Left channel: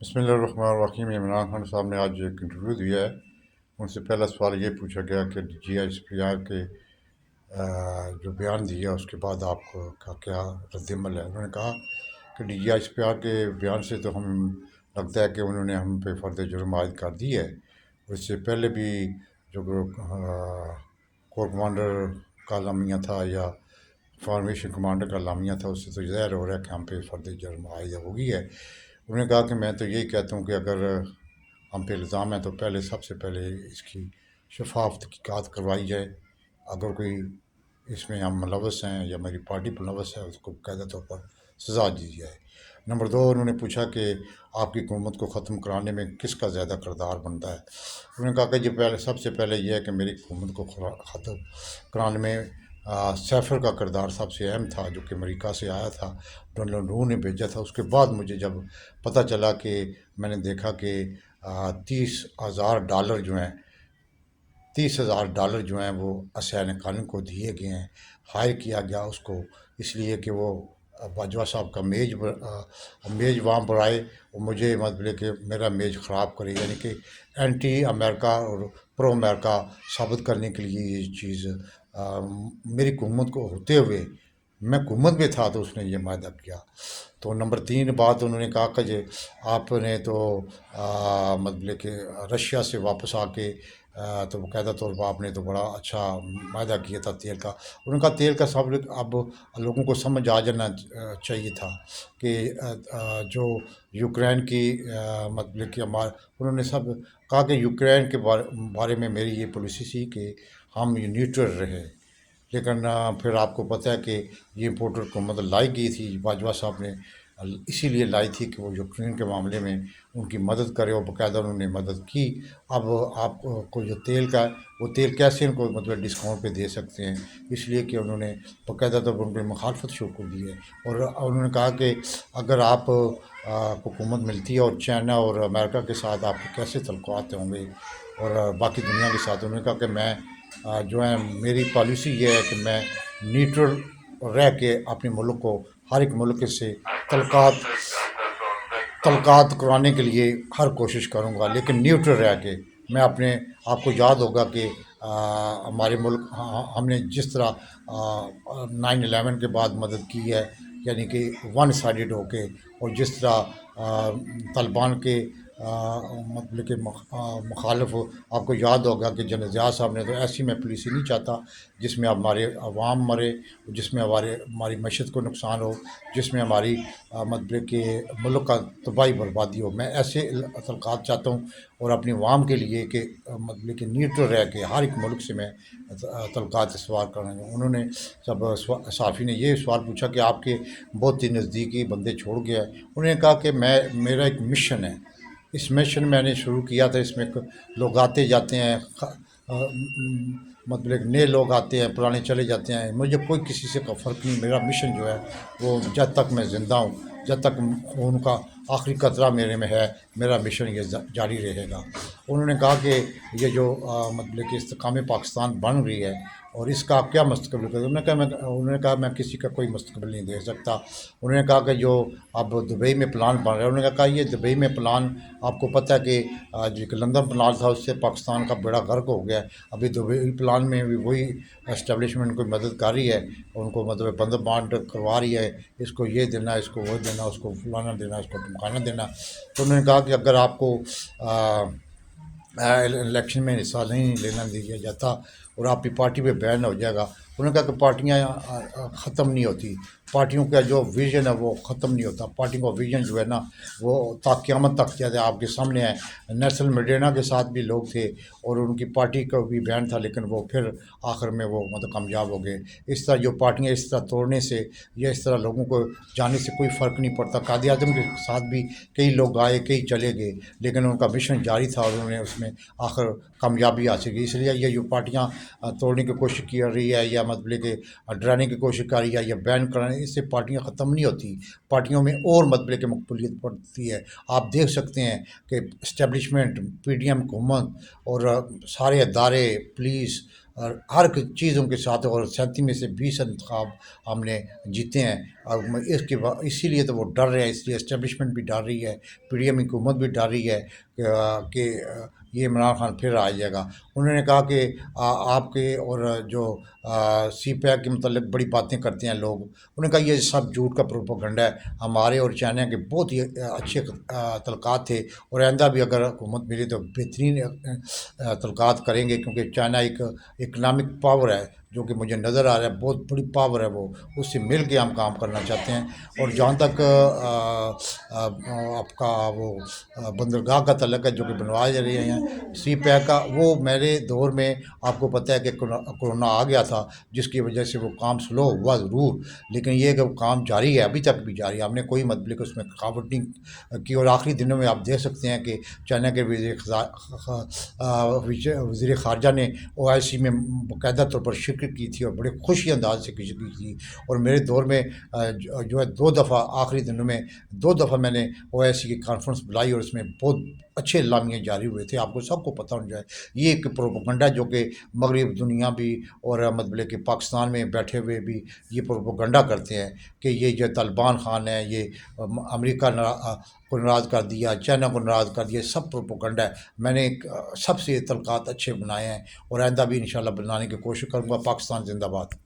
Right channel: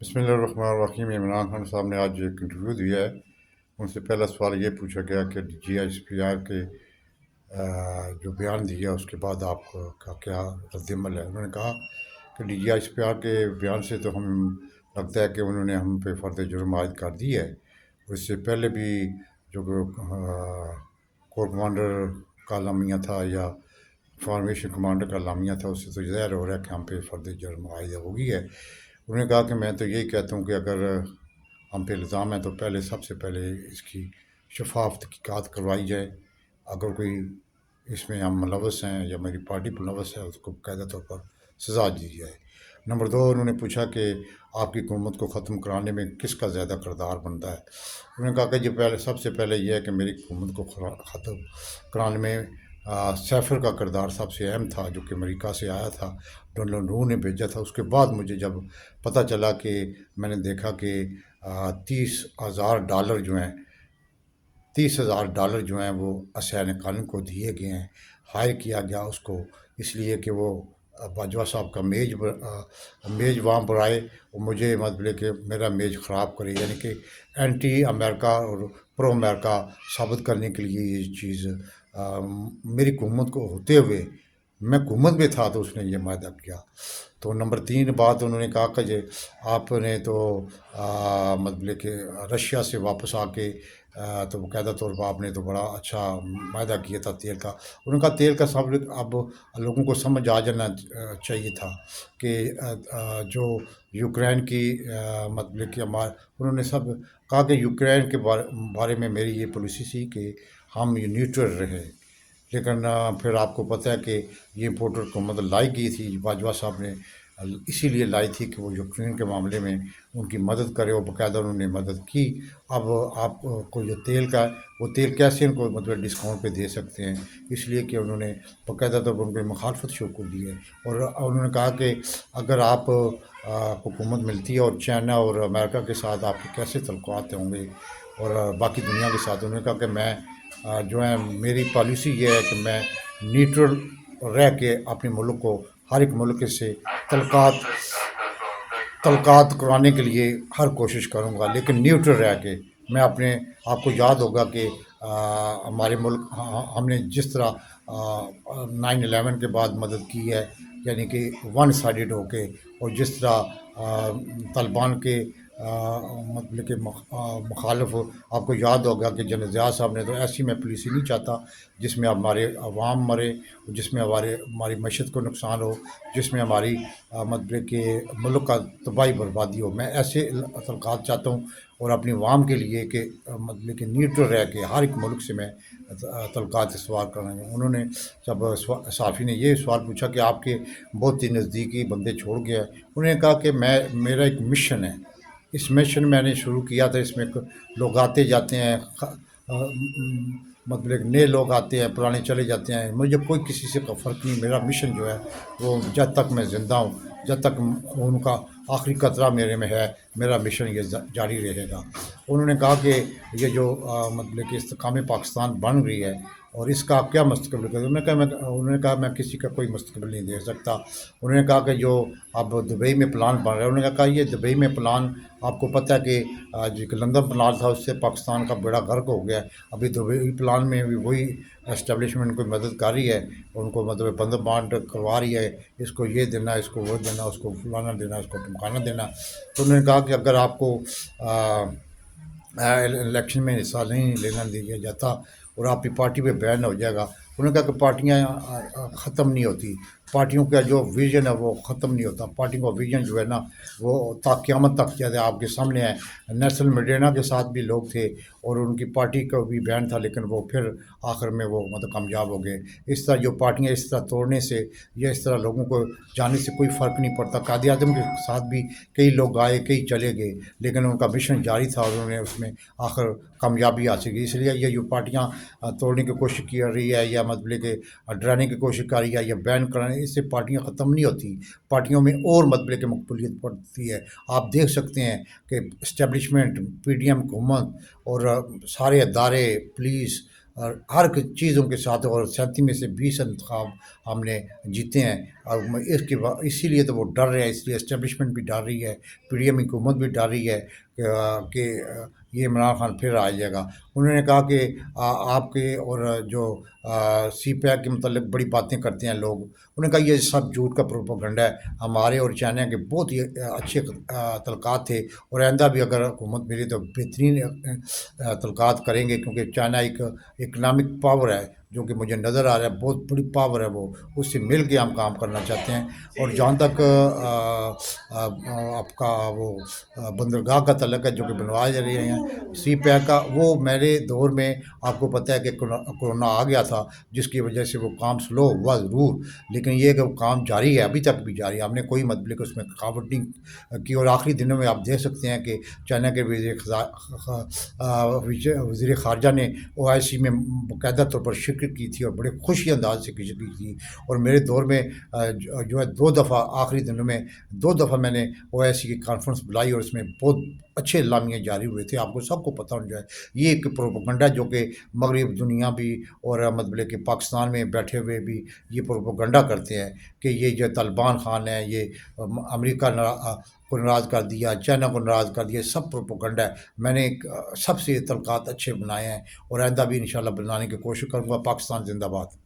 बिस्मिल्लाहिर्रहमानिर्रहीम। इमरान खान साहब ने आज एक इंटरव्यू दिया है। उनसे पहला सवाल ये पूछा गया कि GSPR के जो बयान दिया उसके बाद आपका क्या रद्दमल है। उन्होंने कहा कि DGSPR के बयान से तो हम लगता है कि उन्होंने हम पे फ़र्द जुर्म आयद कर दी है। इससे पहले भी जो कोर कमांडर का लामिया था या फॉर्मेशन कमांडर का लामिया था, उससे तो ज़ाहिर हो रहा है कि हम पे फ़र्द जुर्म आयद हो गई है। उन्होंने कहा कि मैं तो यही कहता हूँ कि अगर हम पे इल्ज़ाम है तो पहले सबसे पहले इसकी शफाफ तहकीकात करवाई जाए। अगर कोई इसमें हम मुलव्वस हैं या मेरी पार्टी मुलव्वस है, उसको बाकायदा तौर पर सज़ा दी जाए। नंबर दो, उन्होंने पूछा कि आपकी हुकूमत को ख़त्म कराने में किसका ज़्यादा किरदार बनता है। उन्होंने कहा कि ये पहले सबसे पहले यह है कि मेरी हुकूमत को ख़त्म कराने में सैफर का किरदार सबसे अहम था, जो कि अमेरिका से आया था, डोनाल्ड नू ने भेजा था। उसके बाद मुझे जब पता चला कि मैंने देखा कि 30,000 डॉलर जो हैं 30,000 डॉलर जो हैं वो असैन खान को दिए गए हैं, हायर किया गया उसको, इसलिए कि वो बाजवा साहब का मेज वहाँ पर आए और मुझे मतलब कि मेरा मेज ख़राब करे, यानी कि एंटी अमेरिका और प्रो अमेरिका साबित करने के लिए ये चीज़ मेरी हुकूमत को होते हुए मैं हुकूमत में था तो उसने ये वायदा किया। तो नंबर तीन बात उन्होंने कहा कि ये आपने तो मतलब कि रशिया से वापस आके तो बाकायदा तौर पर आपने तो बड़ा अच्छा वायदा किया था तेल का। उन्होंने कहा तेल का सब अब लोगों को समझ आ जाना चाहिए था कि जो यूक्रेन की मतलब कि हमारे उन्होंने सब कहा कि यूक्रेन के बारे में मेरी ये पॉलिसी थी कि हम ये न्यूट्रल रहे। लेकिन फिर आपको पता है कि ये इम्पोर्टर को मतलब लाई गई थी, बाजवा साहब ने इसीलिए लाई थी कि वो यूक्रेन के मामले में उनकी मदद करे और बाकायदा उन्होंने मदद की। अब आपको जो तेल का वो तेल कैसे उनको मतलब डिस्काउंट पे दे सकते हैं, इसलिए कि उन्होंने बाकायदा तो उनकी मुखालफत शुरू कर दी है। और उन्होंने कहा कि अगर आप हुकूमत मिलती है और चाइना और अमेरिका के साथ आपके कैसे तल्लुकात होंगे और बाकी दुनिया के साथ। उन्होंने कहा कि मैं जो है मेरी पॉलिसी ये है कि मैं न्यूट्रल रह के अपने मुल्क को हर एक मुल्क से तलकात तलकात करवाने के लिए हर कोशिश करूँगा, लेकिन न्यूट्रल रह के। मैं अपने आपको याद होगा कि हमारे मुल्क हमने जिस तरह 9/11 के बाद मदद की है, यानी कि वन साइडेड होके, और जिस तरह तालिबान के मतलब कि मुखालिफ आपको याद होगा कि जनरल ज़िया साहब ने तो ऐसी मैं पॉलिसी नहीं चाहता जिसमें हमारे अवाम मरे, जिसमें हमारी मईशत को नुकसान हो, जिसमें हमारी मतलब कि मुल्क का तबाही बर्बादी हो। मैं ऐसे तलक़ात चाहता हूँ और अपनी अवाम के लिए कि मतलब कि न्यूट्रल रह के हर एक मुल्क से मैं तलक़ात से सवाल करेंगे। उन्होंने जब सहाफ़ी ने ये सवाल पूछा कि आपके बहुत ही नज़दीकी बंदे छोड़ गया है, उन्होंने कहा कि मेरा एक मिशन है। इस मिशन मैंने शुरू किया था, इसमें लोग आते जाते हैं, मतलब नए लोग आते हैं, पुराने चले जाते हैं, मुझे कोई किसी से का फ़र्क नहीं। मेरा मिशन जो है वो जब तक मैं ज़िंदा हूँ, जब तक उनका आखिरी कतरा मेरे में है, मेरा मिशन ये जारी रहेगा। उन्होंने कहा कि ये जो मतलब कि इस्तेकाम पाकिस्तान बन रही है और इसका आप क्या मुस्तकबिल है। उन्होंने कहा मैं किसी का कोई मुस्तकबिल नहीं दे सकता। उन्होंने कहा कि जो अब दुबई में प्लान बन रहा है, उन्होंने कहा ये दुबई में प्लान आपको पता है कि जो एक लंदन प्लान था उससे पाकिस्तान का बेड़ा गर्क हो गया है। अभी दुबई प्लान में भी वही एस्टेब्लिशमेंट कोई मदद कर रही है, उनको मतलब बंद बांट करवा रही है, इसको ये देना, इसको वो देना, उसको फलाना देना, इसको धमकाना देना। तो उन्होंने कहा कि अगर आपको इलेक्शन में हिस्सा नहीं लेना दिया जाता और आपकी पार्टी पे बैन हो जाएगा। उन्होंने कहा कि पार्टियाँ ख़त्म नहीं होती, पार्टियों का जो विज़न है वो ख़त्म नहीं होता। पार्टी का विज़न जो है ना वो क़यामत तक जैसे आपके सामने है। नेल्सन मंडेला के साथ भी लोग थे और उनकी पार्टी का भी बैन था, लेकिन वो फिर आखिर में वो मतलब कामयाब हो गए। इस तरह जो पार्टियाँ इस तरह तोड़ने से या इस तरह लोगों को जाने से कोई फ़र्क नहीं पड़ता। कायद आज़म के साथ भी कई लोग आए, कई चले गए, लेकिन उनका मिशन जारी था और उन्होंने उसमें आखिर कामयाबी हासिल की। इसलिए ये जो पार्टियाँ तोड़ने की कोशिश की रही है या मतलब कि डराने की कोशिश कर रही है या बैन कराने, इससे पार्टियाँ ख़त्म नहीं होती। पार्टियों में और मतलब कि मकबूलियत बढ़ती है। आप देख सकते हैं कि इस्टेब्लिशमेंट, PDM हुकूमत और सारे अदारे, पुलिस, ہر چیزوں کے ساتھ، اور 37 میں سے 20 انتخاب ہم نے جیتے ہیں، اور اسی لیے تو وہ ڈر رہے ہیں، اس لیے اسٹیبلشمنٹ بھی ڈر رہی ہے، پی ڈی ایم حکومت بھی ڈر رہی ہے کہ یہ عمران خان پھر آ جائے گا۔ انہوں نے کہا کہ آپ کے اور جو سی پیک کے متعلق بڑی باتیں کرتے ہیں لوگ، انہوں نے کہا یہ سب جھوٹ کا پروپیگنڈا ہے، ہمارے اور چائنا کے بہت ہی اچھے تعلقات تھے، اور آئندہ بھی اگر حکومت ملی تو بہترین تعلقات کریں گے، کیونکہ چائنا ایک اکنامک پاور ہے جو کہ مجھے نظر آ رہا ہے، بہت بڑی پاور ہے وہ، اس سے مل کے ہم کام کرنا چاہتے ہیں۔ اور جہاں تک آپ کا وہ بندرگاہ کا تعلق ہے جو کہ بنوائے جا رہے ہیں سی پیک کا، وہ میرے دور میں آپ کو پتہ ہے کہ کرونا آ گیا تھا، جس کی وجہ سے وہ کام سلو ہوا ضرور، لیکن یہ کہ وہ کام جاری ہے، ابھی تک بھی جاری ہے، ہم نے کوئی مطلب اس میں رکاوٹ نہیں کی، اور آخری دنوں میں آپ دیکھ سکتے ہیں کہ چائنا کے وزیر خارجہ نے او آئی سی میں باقاعدہ طور پر شرکت کی تھی، اور بڑے خوشی انداز سے شرکت کی تھی۔ اور میرے دور میں جو ہے 2 دفعہ آخری دنوں میں 2 دفعہ میں نے او آئی سی کی کانفرنس بلائی، اور اس میں بہت اچھے اعلامیہ جاری ہوئے تھے، آپ کو سب کو پتہ ہونا چاہیے۔ یہ ایک پروپیگنڈا جو کہ مغرب دنیا بھی اور مطلب کہ پاکستان میں بیٹھے ہوئے بھی یہ پروپیگنڈا کرتے ہیں کہ یہ جو طالبان خان ہے، یہ امریکہ کو ناراض کر دیا، چائنا کو ناراض کر دیا، سب پروپیگنڈا ہے۔ میں نے سب سے تعلقات اچھے بنائے ہیں، اور آئندہ بھی انشاءاللہ بنانے کی کوشش کروں گا۔ پاکستان زندہ باد۔